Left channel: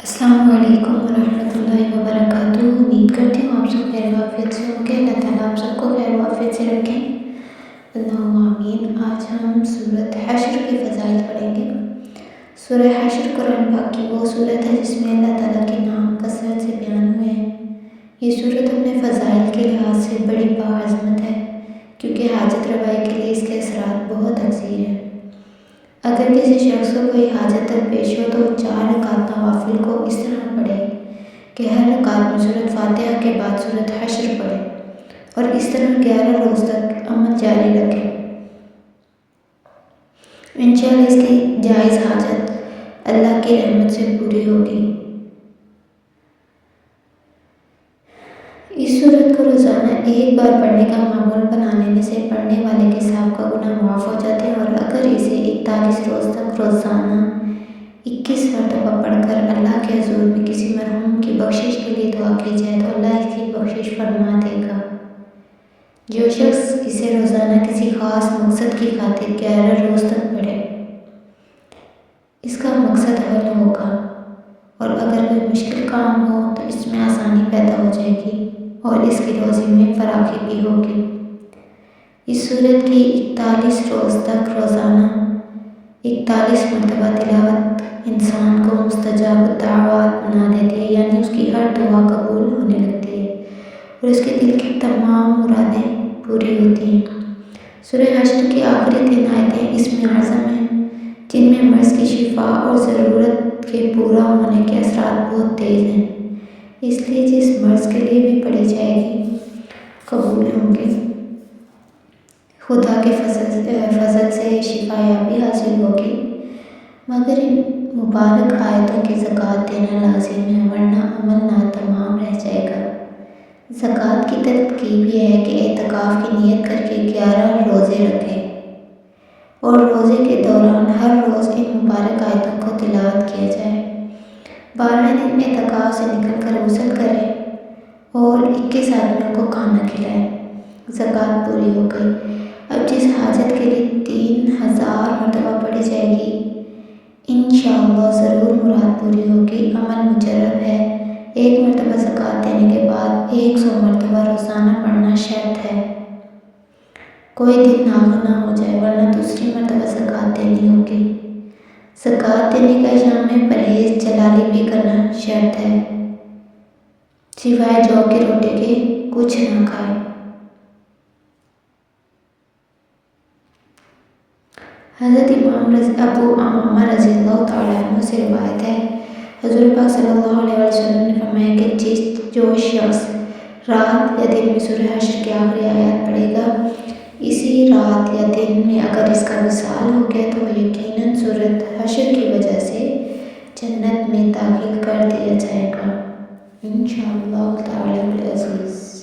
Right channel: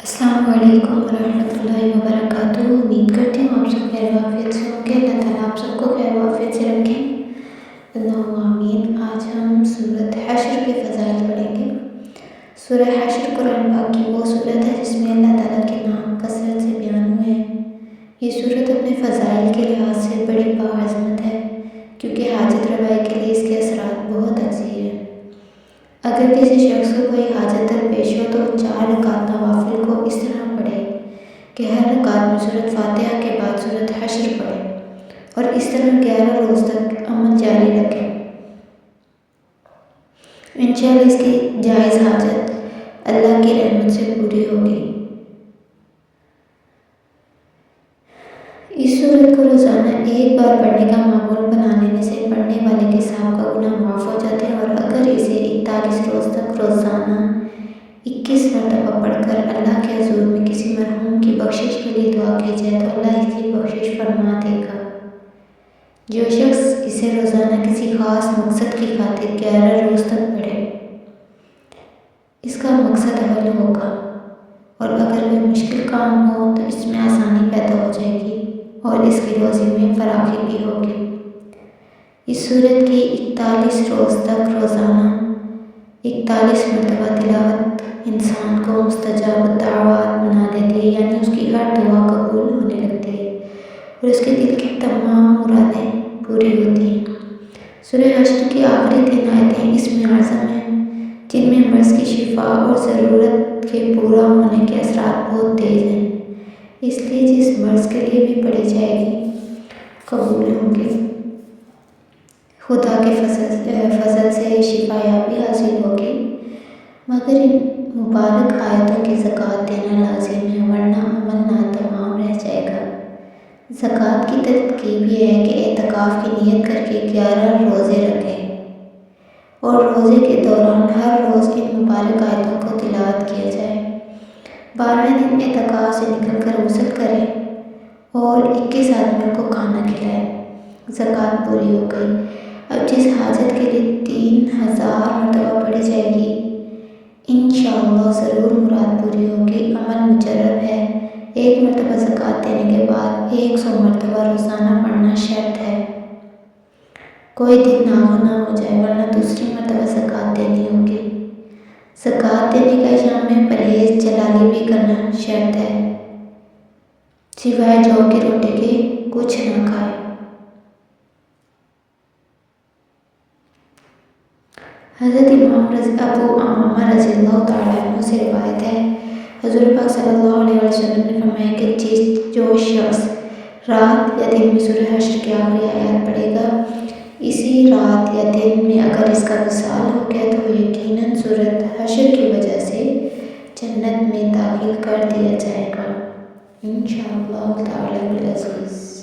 السلام علیکم ورحمۃ اللہ وبرکاتہ۔ امید کرتی ہوں آپ سب خیر و عافیت سے ہوں گے۔ اللہ تعالیٰ آپ سب کو خیر و عافیت سے رکھیں، اللہم آمین۔ آج ہم سورۃ حشر کے فضائل پڑھیں گے۔ سورہ حشر قرآن پاک کی وہ سورت ہے جس میں اللہ تعالیٰ کے نام کثرت سے بیان ہوئے ہیں۔ یہ سورت اپنے فضائل کے لحاظ سے بڑی باعظمت ہے کیونکہ حاجت روائی کے لیے اس کے اثرات بہت اکثر ہیں۔ اگر کسی شخص کو کوئی حاجت درپیش ہو تو وہ 4 رکعت نوافل کو اس طرح پڑھے کہ ہر رکعت میں سورۃ فاتحہ کے بعد سورۃ حشر پڑھے اور اس طرح 11 روز تک عمل جاری رکھے۔ انشاءاللہ اس کی جائز حاجت اللہ کی رحمت سے پوری ہوگی۔ اس سورت کو روزانہ ایک بار پڑھنے کا معمول بنا لینے سے پڑھنے والے کے سابقہ گناہ معاف ہو جاتے ہیں، اور اگر اسے 41 روز تک روزانہ 21 مرتبہ پڑھ کر اللہ کے حضور میں کسی مرحوم کی بخشش کے لیے دعا کی جائے تو اللہ اس کی بخشش فرما دے گا۔ جو شخص اسے روزانہ کسی خاص مقصد کی خاطر 11 روز تک پڑھے، اس کا مقصد حل ہوگا، اور اگر کوئی مشکل کام ہو تو اس میں آسانی پیدا ہو جائے گی اور اس کی روزی میں فراخی بھی ہوگی۔ اس سورت کی 41 روز تک روزانہ 41 مرتبہ تلاوت انسان کو مستجاب الدعوات بنا دیتی ہے، یعنی اس کی ہر دعا قبول ہونے لگتی ہے اور اس کے دل کی تمام مرادیں پوری ہوتی ہیں۔ سورہ حشر کی آخری 3 آیتیں اسم اعظم ہیں جن میں مرض کی شفا اور ضرورت کے پورا ہونے کے اثرات بہت تیز ہیں، اس لیے جس مرض کے لیے بھی پڑھی جائے گی قبول ہوں گے۔ خدا کے فضل سے شفا یابی حاصل ہوگی، مگر ان مبارک آیتوں کی زکوٰۃ دینا لازم ہے ورنہ عمل ناتمام رہ جائے گا۔ زکوٰۃ کی ترتیب یہ ہے کہ اعتکاف کی نیت کر کے 11 روزے رکھے اور روزے کے دوران ہر روز ان مبارک آیتوں کو تلاوت کیا جائے۔ 12ویں دن اعتکاف سے نکل کر غسل کرے اور 21 آدمیوں کو کھانا کھلائے۔ زکوٰۃ پوری ہو گئی۔ اب جس حاجت کے لیے 3000 مرتبہ پڑھی جائے گی انشاءاللہ ضرور مراد پوری ہوگی۔ عمل مجرب ہے، 1 مرتبہ زکوٰۃ دینے کے بعد 100 مرتبہ روزانہ پڑھنا شرط ہے۔ کوئی دن ناغہ ہو جائے ورنہ دوسری مرتبہ زکوٰۃ دینی ہوگی۔ زکوٰۃ دینے کا ایام میں پرہیز جلالی بھی کرنا شرط ہے، سوائے جو کی روٹی کے کچھ نہ کھائے۔ حضرت امام ابو امامہ رضی اللہ تعالیٰ عنہ سے روایت ہے، حضور پاک صلی اللہ علیہ وسلم نے فرمایا کہ جو شخص رات یا دن میں سورہ حشر کی آخری آیات پڑھے گا، اسی رات یا دن میں اگر اس کا وصال ہو گیا تو وہ یقیناً سورۃ حشر کی وجہ سے جنت میں داخل کر دیا جائے گا انشاءاللہ تعالی العزیز۔